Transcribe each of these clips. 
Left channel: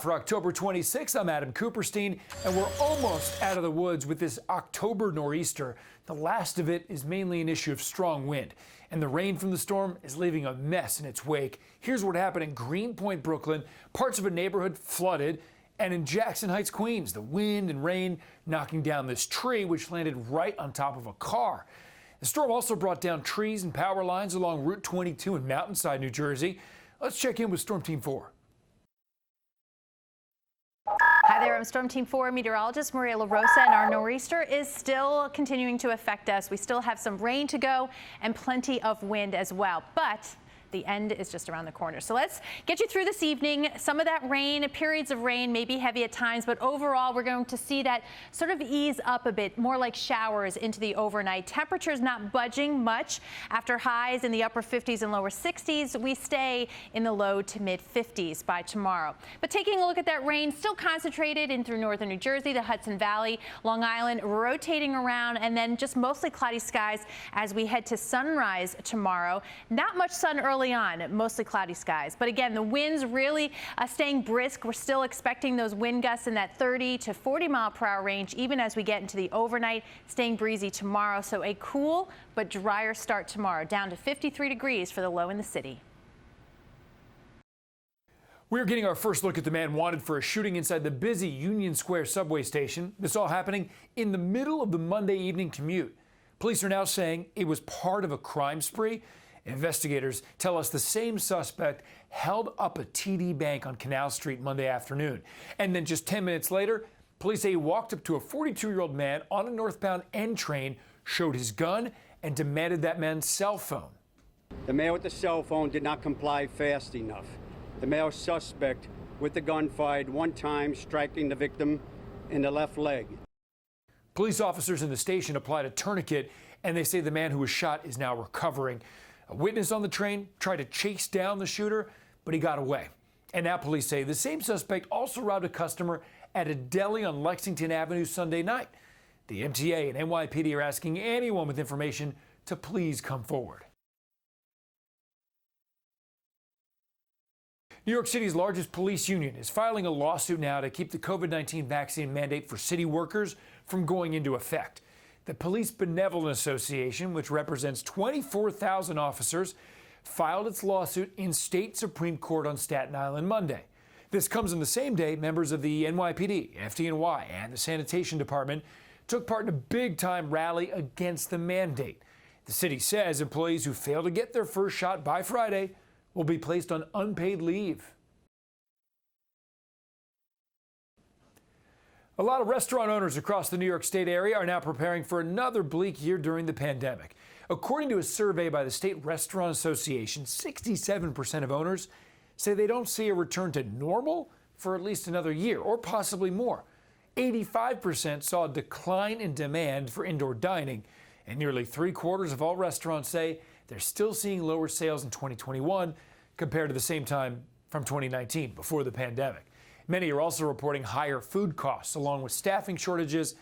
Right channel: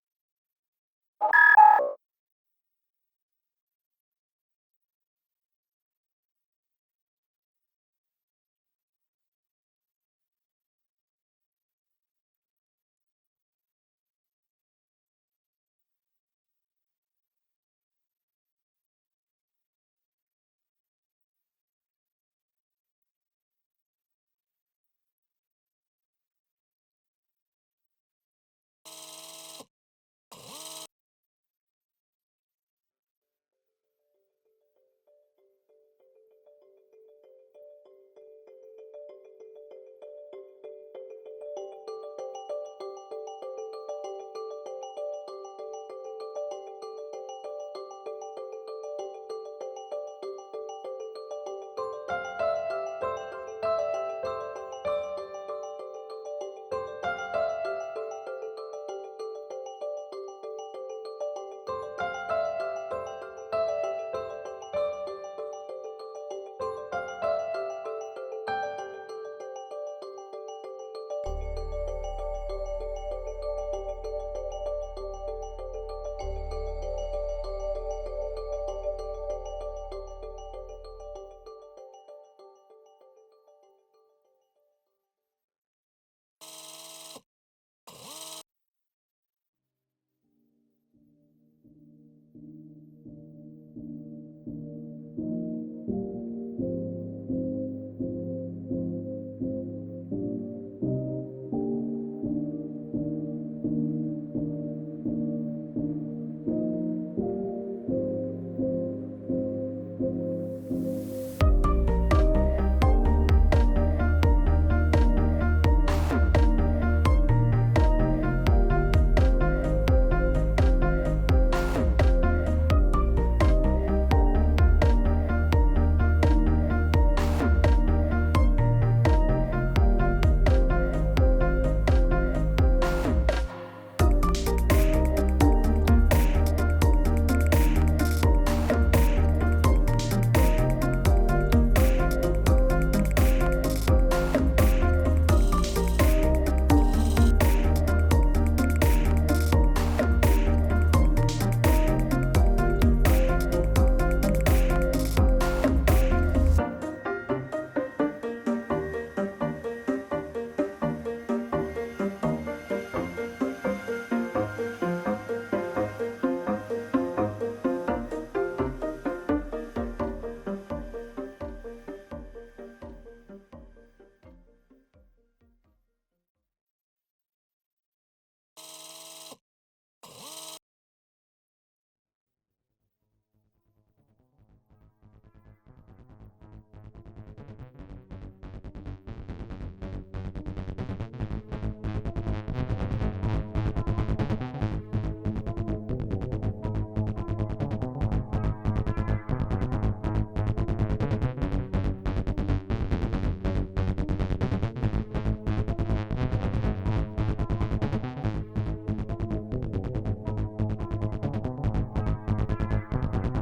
for October 26th, I'm Adam Cooperstein, and we're almost out of the woods with this October nor'easter. The last of it is mainly an issue of strong wind, and the rain from the storm is leaving a mess in its wake. Here's what happened in Greenpoint, Brooklyn. Parts of a neighborhood flooded, and in Jackson Heights, Queens, the wind and rain knocking down this tree, which landed right on top of a car. The storm also brought down trees and power lines along Route 22 in Mountainside, New Jersey. Let's check in with Storm Team 4. Hi there, I'm Storm Team 4 meteorologist Maria LaRosa, and our nor'easter is still continuing to affect us. We still have some rain to go and plenty of wind as well, but the end is just around the corner. So let's get you through this evening. Some of that rain, periods of rain, may be heavy at times, but overall we're going to see that sort of ease up a bit, more like showers into the overnight. Temperatures not budging much. After highs in the upper 50s and lower 60s, we stay in the low to mid 50s by tomorrow. But taking a look at that rain, still concentrated in through northern New Jersey, the Hudson Valley, Long Island, rotating around, and then just mostly cloudy skies as we head to sunrise tomorrow. Not much sun early on, mostly cloudy skies. But again, the winds really staying brisk. We're still expecting those wind gusts in that 30 to 40 mile per hour range, even as we get into the overnight, staying breezy tomorrow. So a cool but drier start tomorrow, down to 53 degrees for the low in the city. We're getting our first look at the man wanted for a shooting inside the busy Union Square subway station. This all happening in the middle of the Monday evening commute. Police are now saying it was part of a crime spree. Investigators tell us the same suspect held up a TD Bank on Canal Street Monday afternoon. And then just 10 minutes later, police say he walked up to a 42-year-old man on a northbound N train, showed his gun, and demanded that man's cell phone. The man with the cell phone did not comply fast enough. The male suspect with the gun fired one time, striking the victim in the left leg. Police officers in the station applied a tourniquet, and they say the man who was shot is now recovering. A witness on the train tried to chase down the shooter, but he got away. And now police say the same suspect also robbed a customer at a deli on Lexington Avenue Sunday night. The MTA and NYPD are asking anyone with information to please come forward. New York City's largest police union is filing a lawsuit now to keep the COVID-19 vaccine mandate for city workers from going into effect. The Police Benevolent Association, which represents 24,000 officers, filed its lawsuit in state Supreme Court on Staten Island Monday. This comes on the same day members of the NYPD, FDNY, and the Sanitation Department took part in a big-time rally against the mandate. The city says employees who fail to get their first shot by Friday will be placed on unpaid leave. A lot of restaurant owners across the New York State area are now preparing for another bleak year during the pandemic. According to a survey by the State Restaurant Association, 67% of owners say they don't see a return to normal for at least another year, or possibly more. 85% saw a decline in demand for indoor dining, and nearly 3/4 of all restaurants say they're still seeing lower sales in 2021 compared to the same time from 2019, before the pandemic. Many are also reporting higher food costs along with staffing shortages,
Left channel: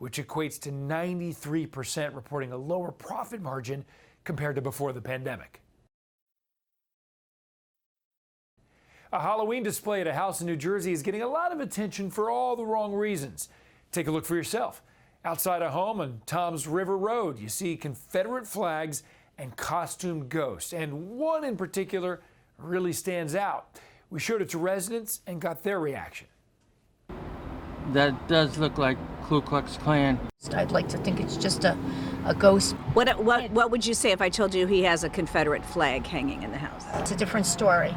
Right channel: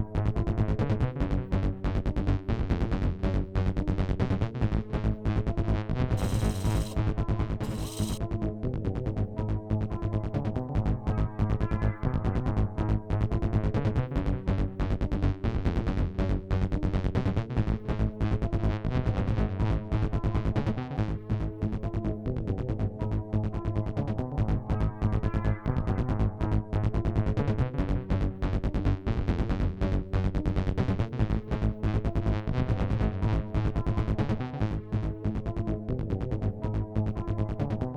which equates to 93% reporting a lower profit margin compared to before the pandemic. A Halloween display at a house in New Jersey is getting a lot of attention for all the wrong reasons. Take a look for yourself. Outside a home on Toms River Road, you see Confederate flags and costume ghosts, and one in particular really stands out. We showed it to residents and got their reaction. That does look like Ku Klux Klan. I'd like to think it's just a ghost. What would you say if I told you he has a Confederate flag hanging in the house? It's a different story.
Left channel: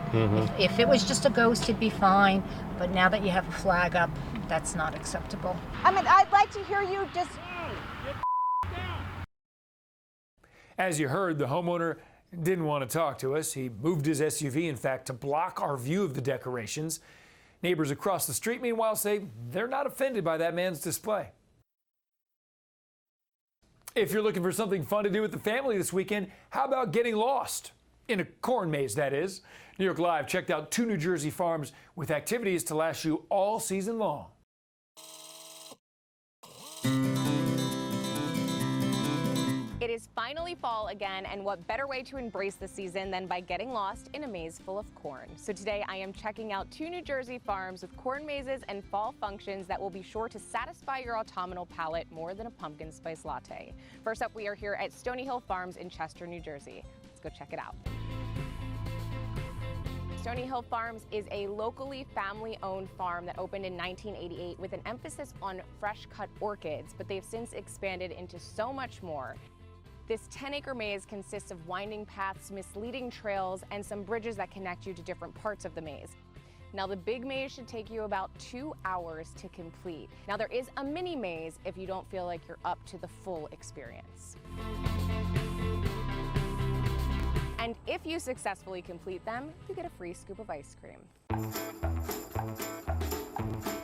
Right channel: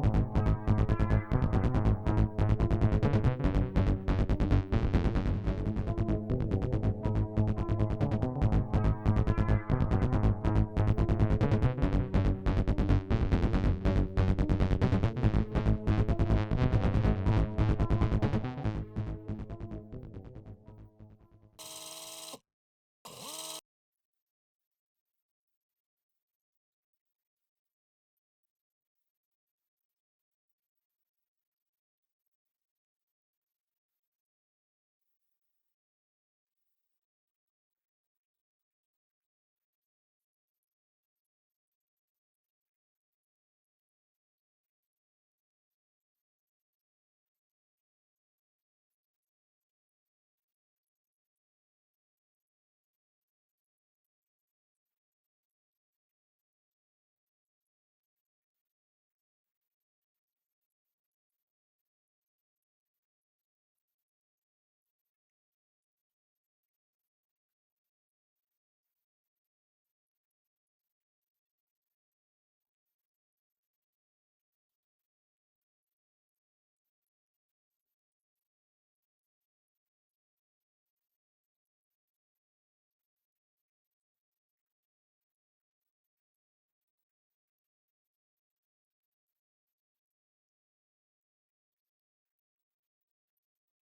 If it was just a ghost, it'd be fine. But now that you have a flag up, that's not acceptable. I mean, I'd like to hear you just... As you heard, the homeowner didn't want to talk to us. He moved his SUV, in fact, to block our view of the decorations. Neighbors across the street, meanwhile, say they're not offended by that man's display. If you're looking for something fun to do with the family this weekend, how about getting lost? In a corn maze, that is. New York Live checked out 2 New Jersey farms with activities to last you all season long. It is finally finally fall again, and what better way to embrace the season than by getting lost in a maze full of corn. So today I am checking out 2 New Jersey farms with corn mazes and fall functions that will be sure to satisfy your autumnal palate more than a pumpkin spice latte. First up, we are here at Stony Hill Farms in Chester, New Jersey. Let's go check it out. Stony Hill Farms is a locally family-owned farm that opened in 1988 with an emphasis on fresh-cut orchids, but they've since expanded into so much more. This 10-acre maze consists of winding paths, misleading trails, and some bridges that connect you to different parts of the maze. Now, the big maze should take you about 2 hours to complete. Now, there is a mini maze if you don't feel like you're up to the full experience. And if you successfully complete them, you get a free scoop of ice cream.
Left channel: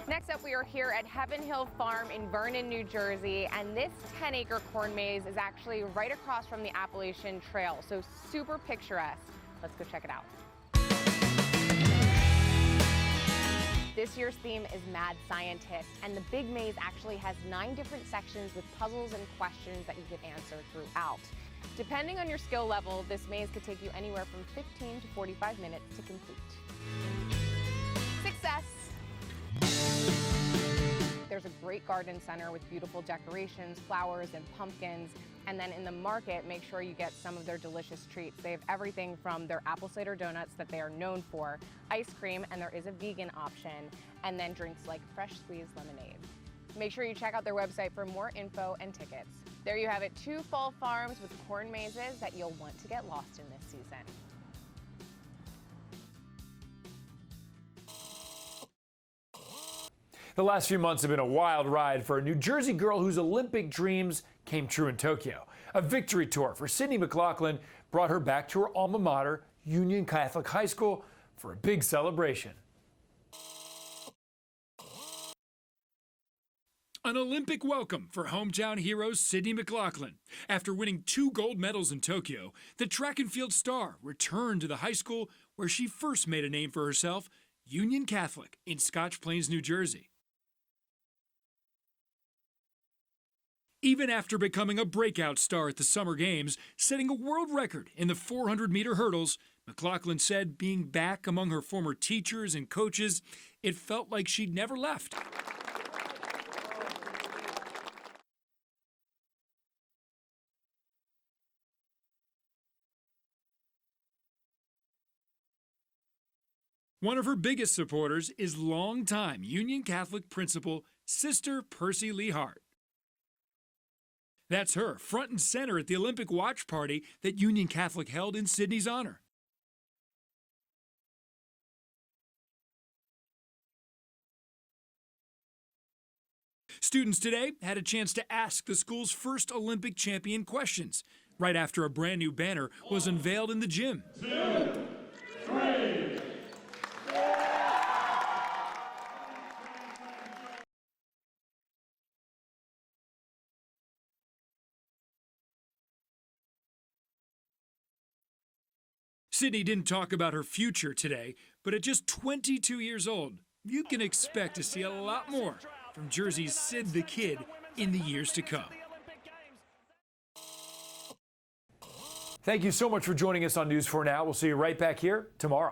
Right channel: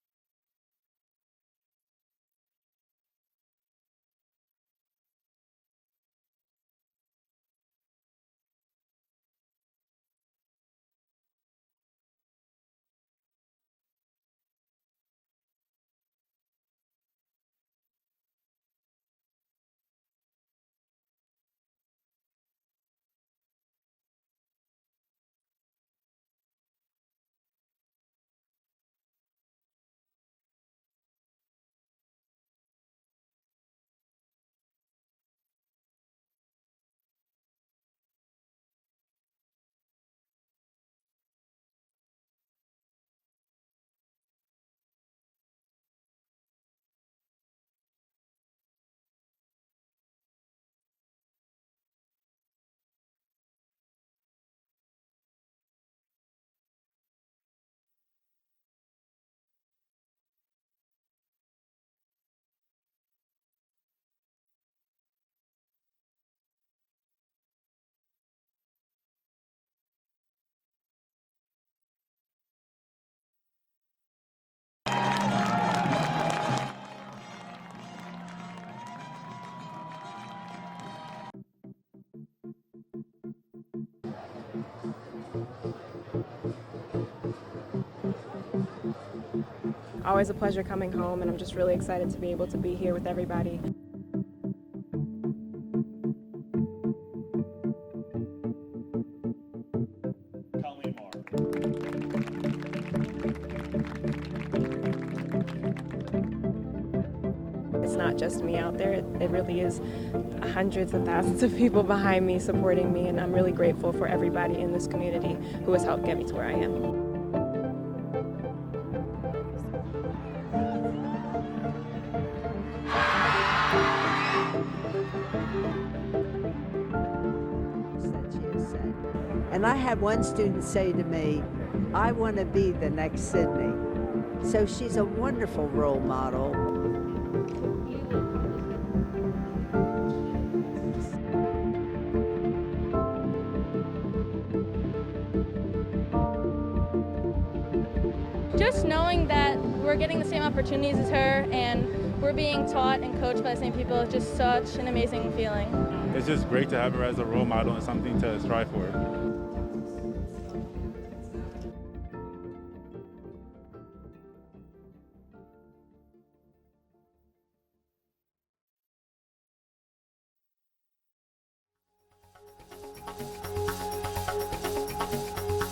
Next up, we are here at Heaven Hill Farm in Vernon, New Jersey, and this 10-acre corn maze is actually right across from the Appalachian Trail, so super picturesque. Let's go check it out. This year's theme is Mad Scientist, and the big maze actually has 9 different sections with puzzles and questions that you can answer throughout. Depending on your skill level, this maze could take you anywhere from 15 to 45 minutes to complete. Success! There's a great garden center with beautiful decorations, flowers, and pumpkins. And then in the market, make sure you get some of their delicious treats. They have everything from their apple cider donuts that they are known for, ice cream, and there is a vegan option, and then drinks like fresh squeezed lemonade. Make sure you check out their website for more info and tickets. There you have it, 2 fall farms with corn mazes that you'll want to get lost in this season. The last few months have been a wild ride for a New Jersey girl whose Olympic dreams came true in Tokyo. A victory tour for Sydney McLaughlin brought her back to her alma mater, Union Catholic High School, for a big celebration. An Olympic welcome for hometown hero Sydney McLaughlin. After winning 2 gold medals in Tokyo, the track and field star returned to the high school where she first made a name for herself, Union Catholic in Scotch Plains, New Jersey. Always a pleasure coming home, and I'm just really excited to be able to be here with everybody. Even after becoming a breakout star at the Summer Games, setting a world record in the 400-meter hurdles, McLaughlin said being back among her former teachers and coaches, it felt like she'd never left. It's not just me out there, it really is hundreds of thousands of people behind me supporting me, and I'm really grateful for everybody in this community who has helped get me to where I am. One of her biggest supporters is longtime Union Catholic principal, Sister Percy Lehar. That's her front and center at the Olympic watch party that Union Catholic held in Sydney's honor. And I had one student say to me, I want to be the next Sydney. So she's a wonderful role model. Students today had a chance to ask the school's first Olympic champion questions, right after a brand new banner was unveiled in the gym. Just knowing that we're getting the same opportunities as her and we're being taught and coached by the same people is just such an amazing feeling. It's just great to have her as a role model and something to strive for. Sydney didn't talk about her future today, but at just 22 years old, you can expect to see a lot more from Jersey's Sid the Kid in the years to come. Thank you so much for joining us on News 4 Now. We'll see you right back here tomorrow.